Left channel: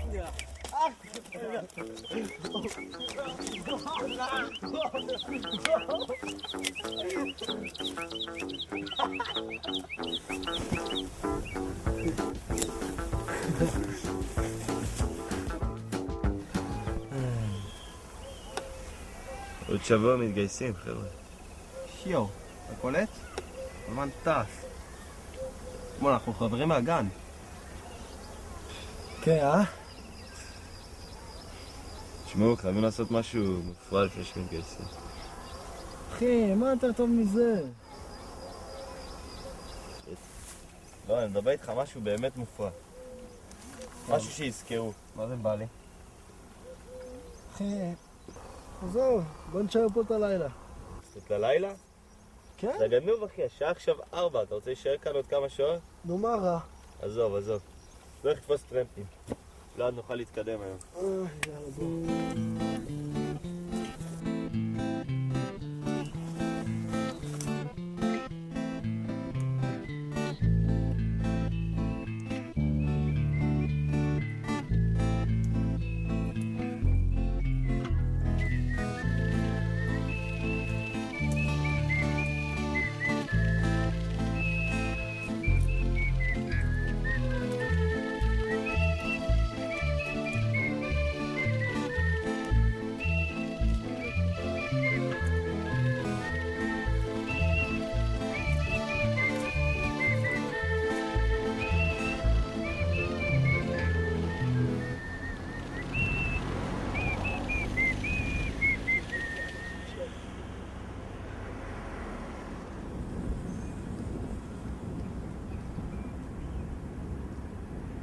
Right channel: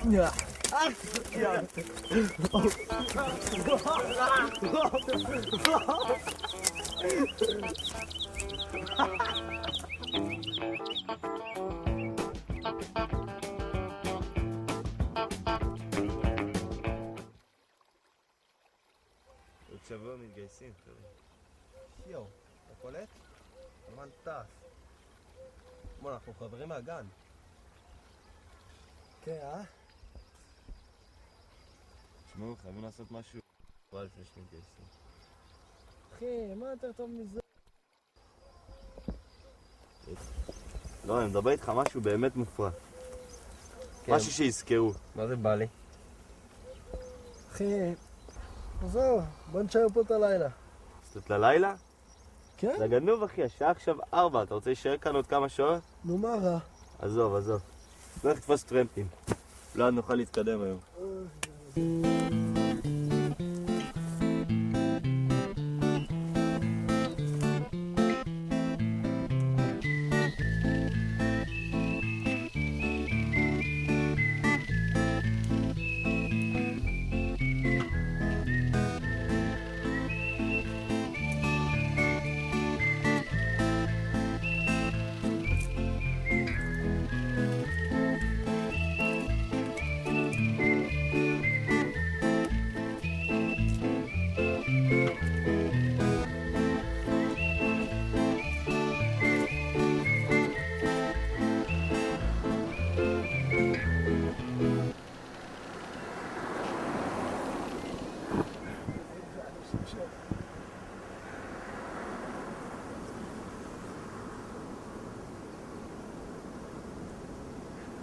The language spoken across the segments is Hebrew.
עוד שבוע מתגייסים, חבר'ה. שיו, אתה קולט? הזמן טס. בוא, אנחנו חברים מהגן. כן, תשמעו, חייבים לעשות משהו מופרע לפני שמתגייסים. אחי, מה יותר טוב מזה? לא, אני מדבר איתך משהו באמת מופרע. משהו שיזכרו. מה זה בא לי? אחי, עזוב, בוא נשאר פה את הלילה. קצת ללילה? כן? זה גנוב אחי, השעה עכשיו 4, אתה רוצה להישאר כאן עוד כמה שעות? נו מה רע? עזוב. לא לתפוס טרמפים. לא נוכל להתקדם היום.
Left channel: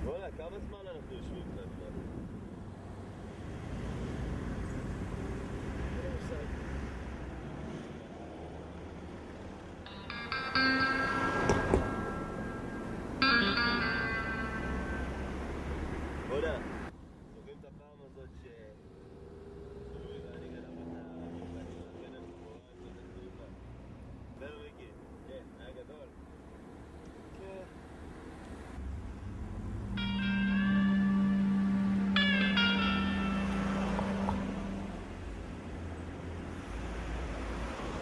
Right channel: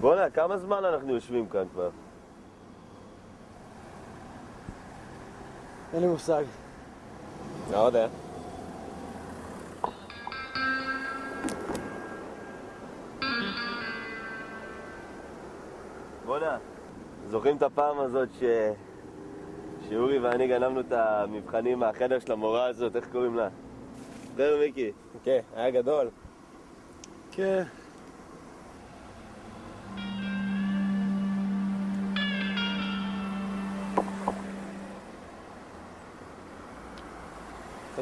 בוא'נה, כמה זמן אנחנו יושבים כאן כבר? אין לי מושג. לא יודע. בוא'נה, זוכרים את הפעם הזאת שאורי ואני גנבנו את המבחנים מהחדר של המורה הזאת, איך קוראים לה? זוכר מיקי? כן, היה גדול. כן.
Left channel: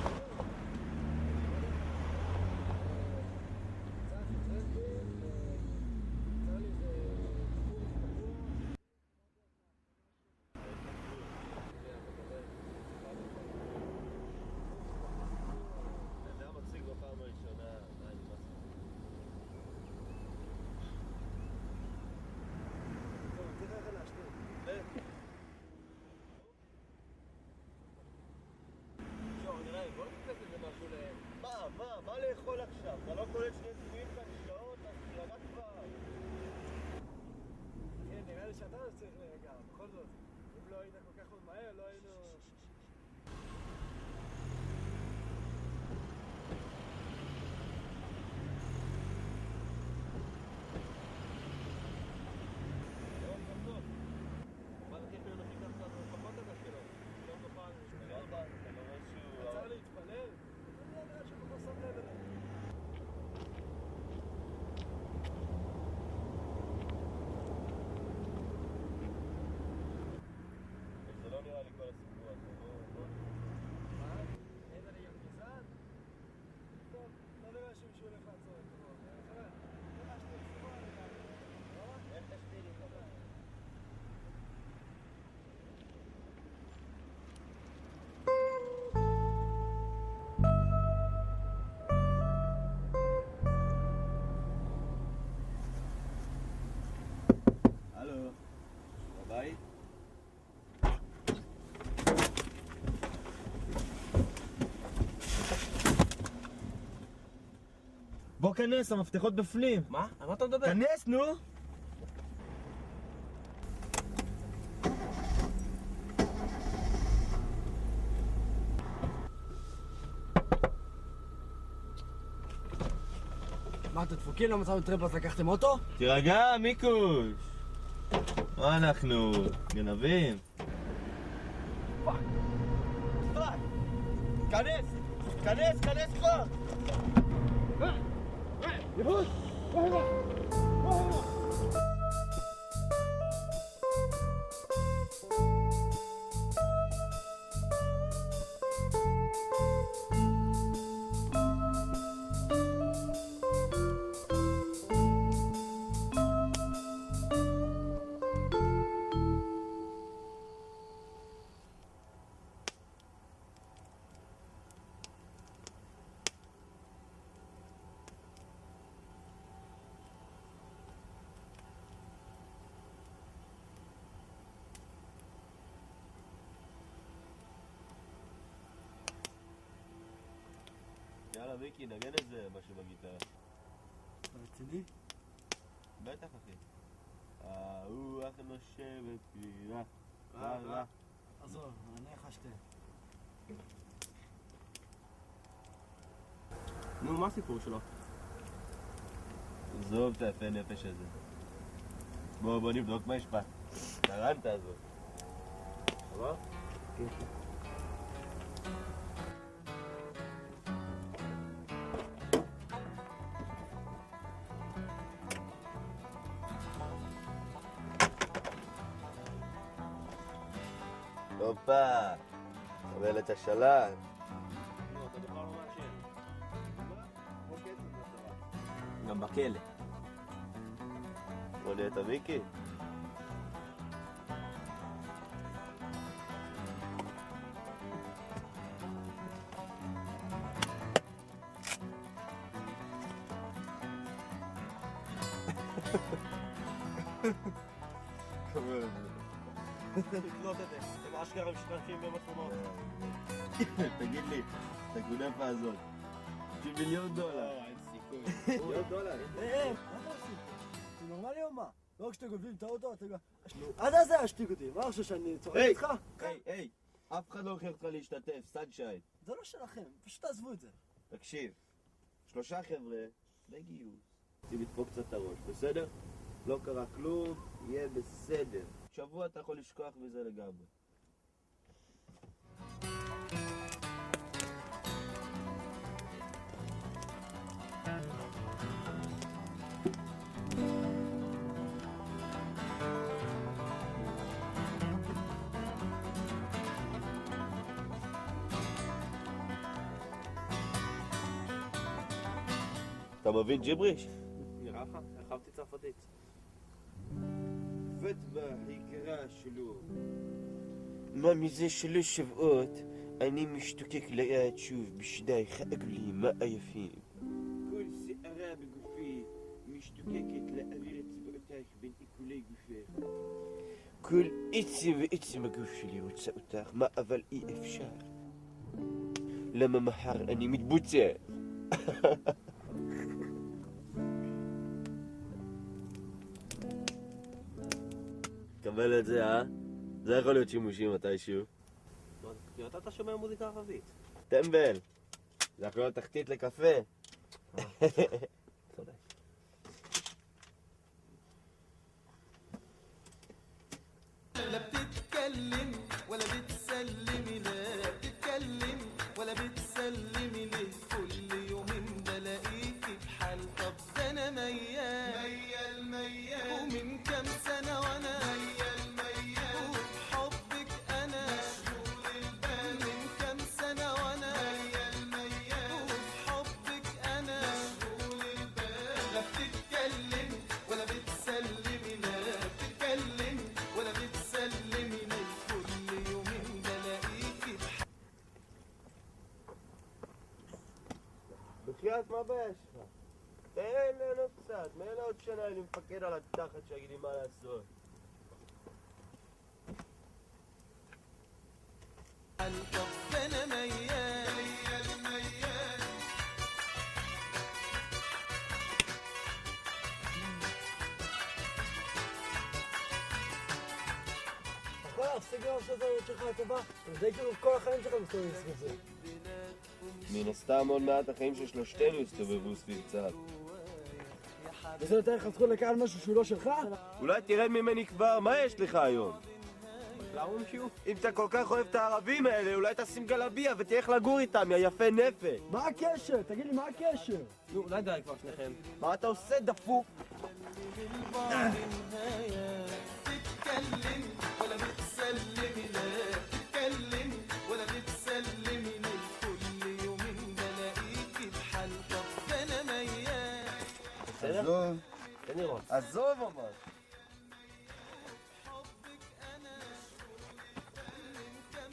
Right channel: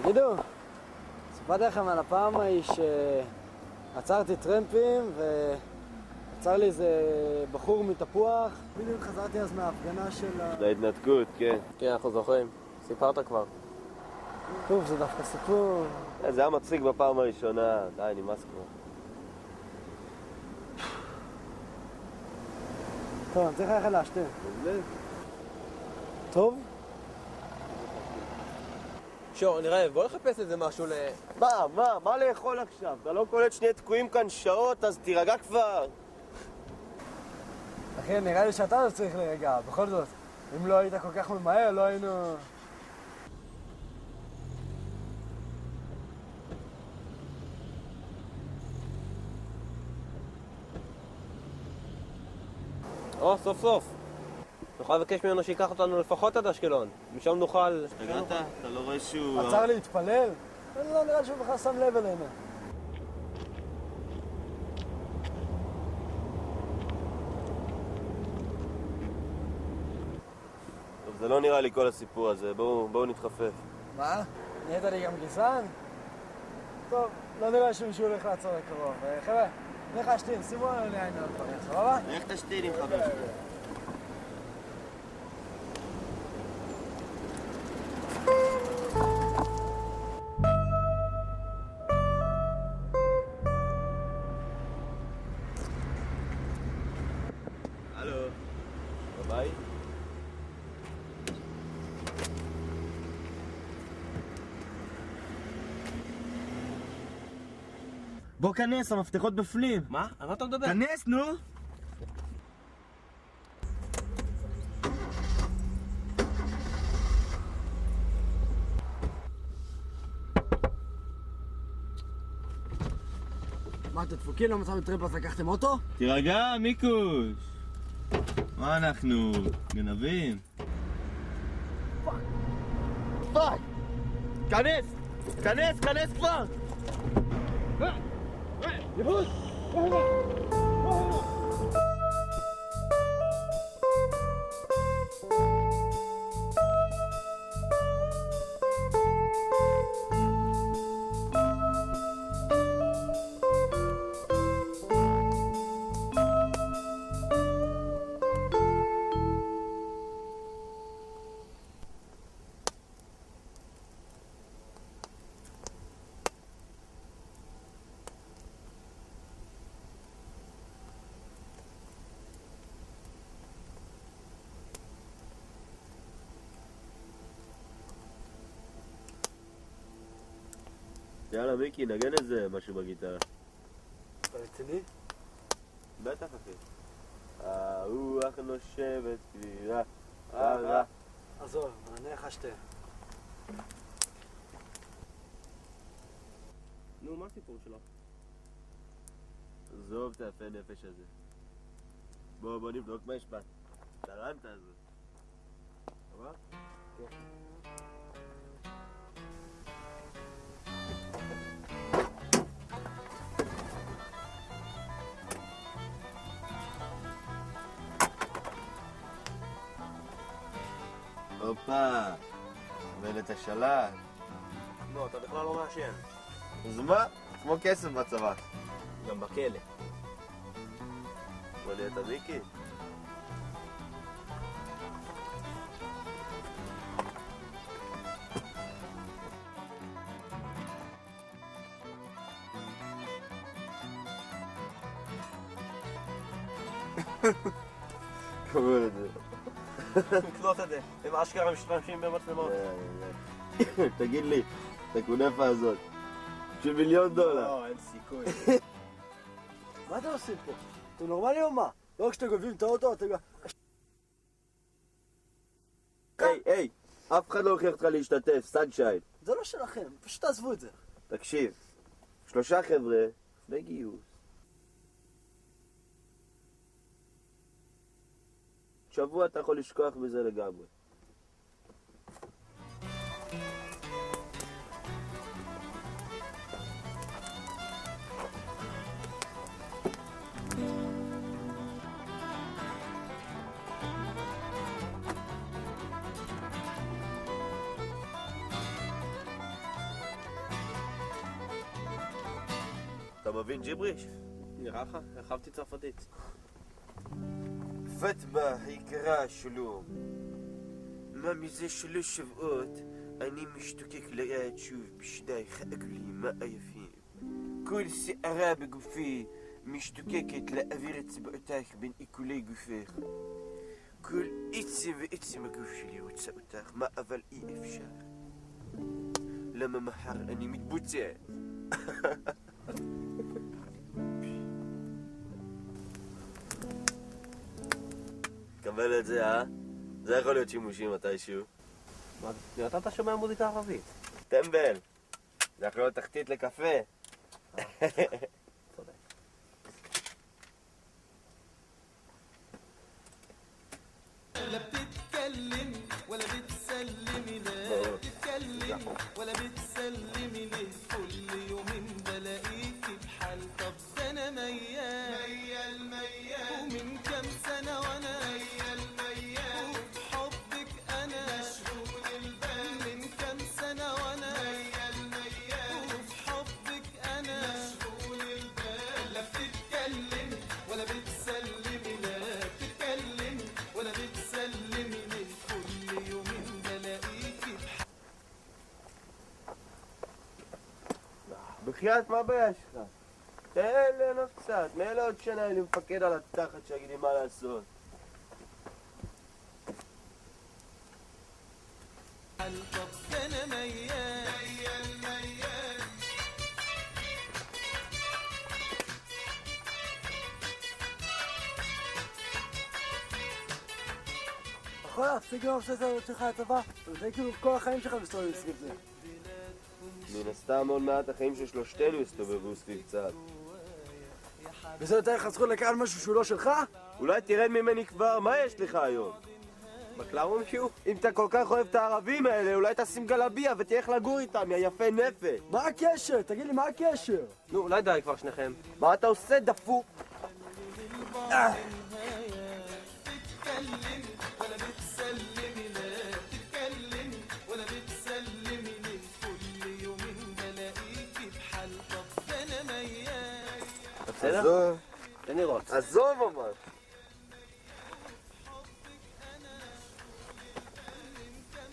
תגידו, סיפרתי לכם על הפעם ההיא שעצרתי טרמפים ועצר לי איזה בחור מתפוח. בדיוק חזרתי אז מההפגנה של ההתנתקות, כן. כן, אנחנו זוכרים. סיפרת כבר. טוב, זה דווקא סיפור. זה היה מצחיק בפעם הראשונה, די, נמאס כבר. טוב, אני צריך ללכת להשתין. טוב? שור, אני רעב, בוא לחפש איזה משהו מה לאכול עכשיו? אתה לא קולט שנהיה תקועים כאן שעות, אז תירגע כבר. אחי, נראה לי שאתה לא צריך להירגע, בכל זאת. אם לא היית כל כך ממהר, לא היינו... סוף סוף. נוכל לבקש ממנו שיקח אותנו לפחות עד אשקלון. משם נוכל... הגעת? אתה לא רואה שהוא... עצר להתפלל? לא נראה לי שהוא בכלל שם לב אלינו. טוב, זה לא נראה לי כל הסיפור הזה, בואו נתחפף. מה? נהיית לי גם גזען? טוב, לא נראה שמישהו הולך לעצור לקרוב. חבר'ה, נלך להשתין, שימו לנו לעין עוד דברים, סבבה? איך תשתין עם חבר שלי? הלו, בבית? בוא כנס, המפתחות בפנים. מה? על מה אתה מדבר? כנס, נו! מה, אתם דפוקים? לא מצאנו טרמפ אז לקחתם אוטו? תירגע, מיקוש! מה אנחנו? גנבים? פאק! כנס! כנס כבר! יבוש! יאללה מיקי, נגן איזה משהו בגיטרה. אתה רציני? בטח אחי. הרוח נושבת סביבה. עזוב, מענה לך שתי. נו, מה הסיפור שלו? עזוב את היפה נפש הזה. בוא נבדוק מה יש בה. טרנטה הזאת. עבר? כן. הופה, אבל את השלט. לא, אתה בכלל לא מעשן. אז מה? כמו כסף בצבא. גם בכלא. בוא להיות המיקי. קורא לזה. תקלוט את זה. הם אשכרה משתמשים במצלמות. תגיד לי, את הכונפה הזאת, של $1,000,000. לא, אין סיכוי. מה אתם עושים פה? אתם נורמלי או מה? לא רק שאתם גונבים את האוטו, אתם גם... עד אז זה השתיק אותי, מה חושב שאני צוחק היי, איתך? היי, אף אחד לא הוכיח אותך להשתתף, סנשיין. זה לא שלכם, פשוט תעזבו את זה. תקשיב, 3 חבר'ה, בגיוס, צריכים לדפוק קצת את הראש, בסדר? לא קרה כלום, יהיה בסדר. שבוע אתה יכול לשכוח בזה לגמרי. אתה מבין ג'יבריש? נראה לך? הרחבתי צרפתית. פטמה היקרה שלום. מה מזה 3 שבועות אני משתוקק ליד שוב בשדייך העגולים היפים. כל שערה בגופי משתוקקת להעביר אצבעותייך בין עיכולי גופך. כל עצם ועצם הגוף שלי רוצה אותך, מה אבל אי אפשר. למה מחר אני מתבוצע? קבל את זה, זה יכול להיות שימושי מתישהו. מה, אתה שומע מוזיקה ערבית? טמבל, זה יכול להיות תחתית לקפה. צודק. لا بتتكلم ولا بتسلمي لا بتتكلم ولا بتسلمي ليه كل يومين بلاقيكي بحال طب ده انا ميال ومن كام سنة وانا وبحبك انا مشغول البال من كام سنة وانا وبحبك انا مشغول البال لا بتتكلم ولا بتسلمي لا بتتكلم ولا بتسلمي ليه كل يومين بلاقيكي بحال בחייאת, מה הבעיה שלך? תן ליהנות קצת, מאלה עוד שנה אני מפקד על התחת שיגיד לי מה לעשות. طب ده انا ميال יכול להפסיק לאהוב שזה המות שלך לצבא? זה כאילו כל החיים שלך מסתובבים סביב זה. מן הסתם עוד מעט החיים של שלושתנו יסתובבו סביב קצת. וזה נותן לך זכות לקחת משהו שהוא לא שלך? אולי תרד ממני כבר, מה יש לך היום? בקלארון שיעור? אם אתה כל כך אוהב את הערבים האלה, אולי תשים גלביה ותלך לגור איתם, יא יפה נפש. מה הקשר? תגיד לי, מה הקשר? נו, אולי די כבר שניכם. מה אתה עושה, דפוק? تتكلم ولا بتسلمي لا تتكلم ولا بتسلمي ليه كل يومين بلاقيكي بحال طب ده انا ميال עזוב, תן לראות. עזוב ממש.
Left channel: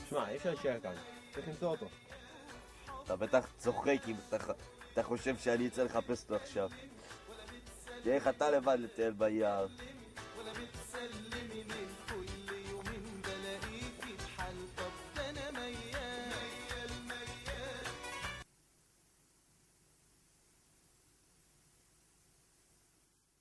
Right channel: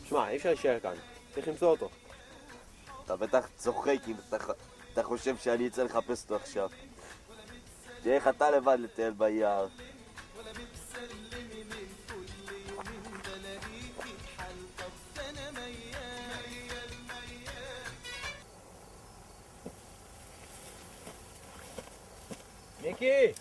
שמע, אי אפשר להישאר כאן. צריך למצוא אותו. אתה בטח צוחק אם אתה חושב שאני אצא לחפש אותו עכשיו. תהיה איך אתה לבד לטייל ביער. ولا بتسلمي ليه كل يومين بلاقيكي بحال طب ده انا ميال מיקי!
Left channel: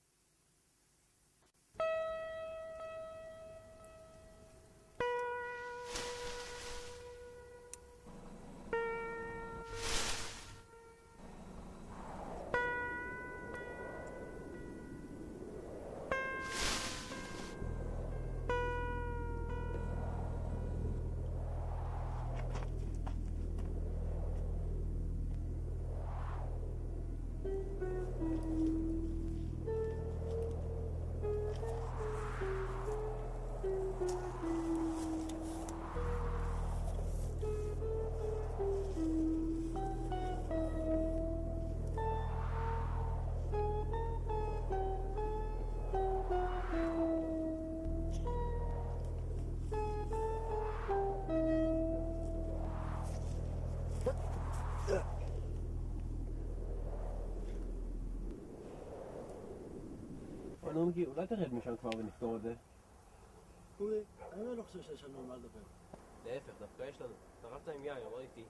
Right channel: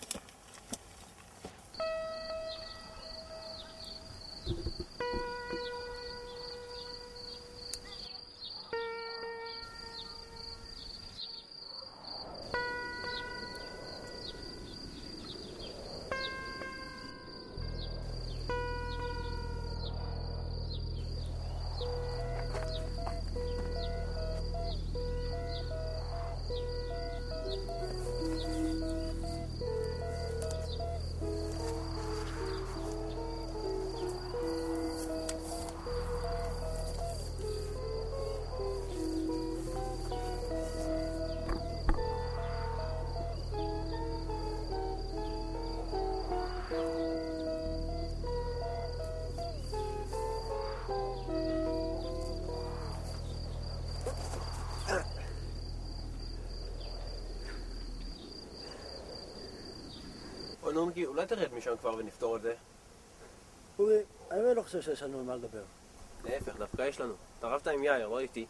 אוי, נו מיקי, אולי תרד משם כבר ונפתור את זה? אורי, אני לא חושב שיש לנו על מה לדבר. להפך, דווקא יש לנו. אתה רבת עם יאיר, לא איתי.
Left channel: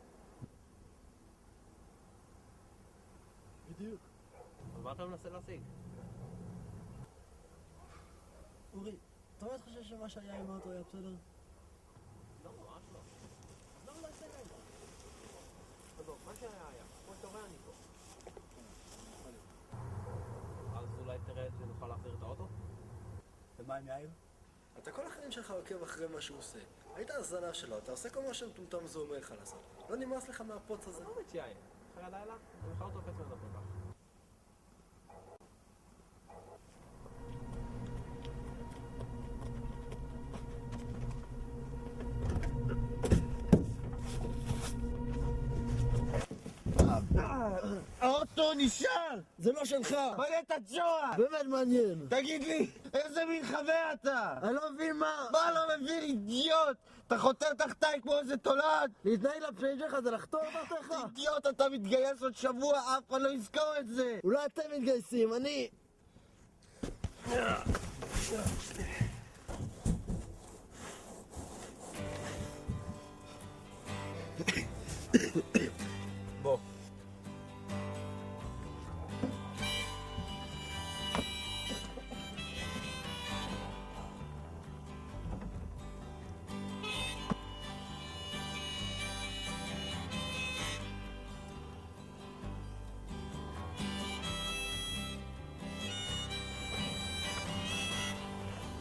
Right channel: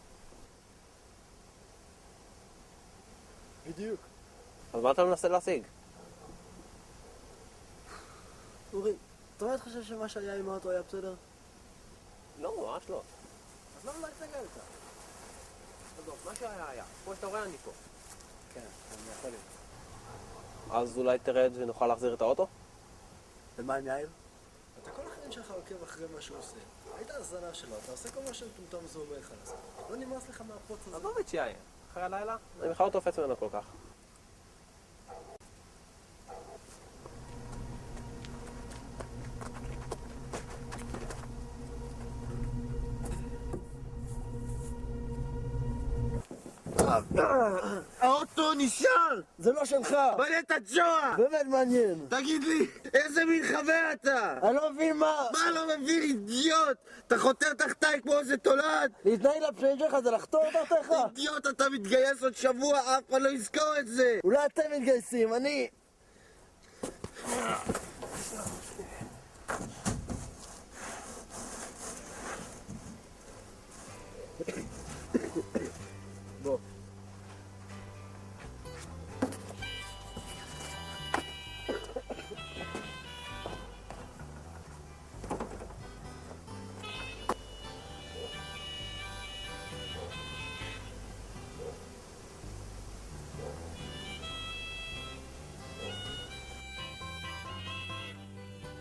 בדיוק. אז מה אתה מנסה להשיג? אורי, אתה באמת חושב שמה שהיה עם האוטו היה בסדר? לא, ממש לא. אז למה לא הצגה איתה? עזוב, מה שהיה היה. כמו שאתה רואה, אני פה. כן, אני יכול להיות. אז אולי תרד ונוכל להחזיר את האוטו? ומה עם יאיר? אתה כל החיים שלך עוקב אחרי מה שהוא עושה. היית הזנב שלו, אתה עושה כל מה שמטומטם זה אומר לך לעשות. לא נמאס לך מהפוץ הזה. עזוב את יאיר. אחרי הלילה, אני בכלל לא תופס ממנו כל כך. האוטו נשאר! זה לא שלך! בנה את הג'ורה! באמת מעניין! תגיד לי, איזה מין חבר אתה? אני לא מבין מה! מה לא מבין, אידיוט? אתה חותר תחתיי כמו איזה תולעת? להתנהג לפשעים שלך זה לחתור תחתיך? אידיוט, אתה מתגייס עוד שבוע, אף אחד לא יזכור את זה! אולי אתם מתגייסים, אני... בוא.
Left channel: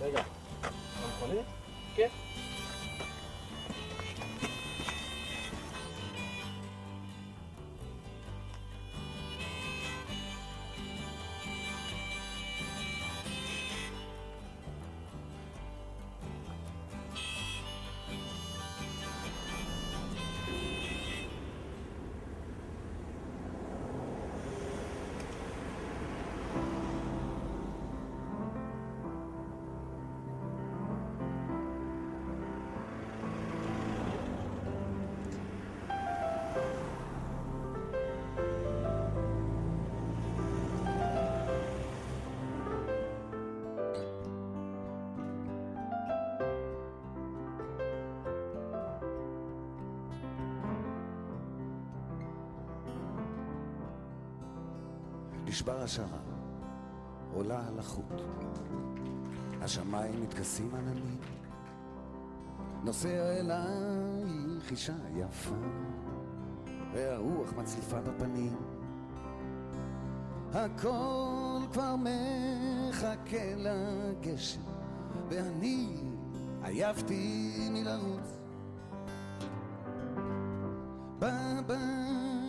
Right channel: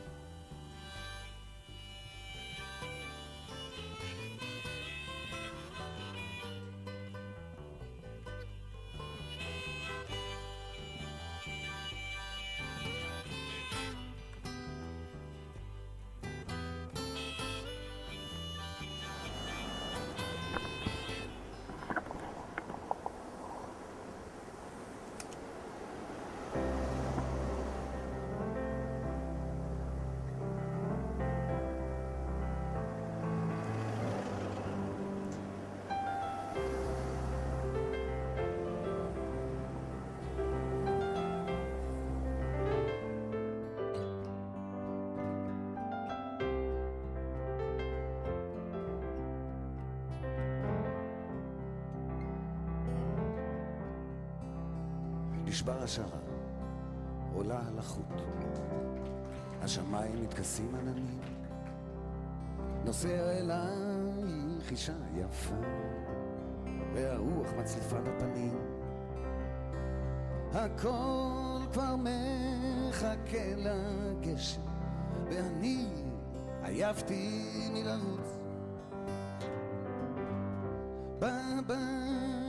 רגע, המכונית? כן. נשבר השערה, עולה על החוט. השמיים מתכסים עננים, נוסע אלייך אישה יפה, והרוח מצליפה בפנים. הכל כבר מחכה לגשם, ואני עייפתי מלרוץ. בבית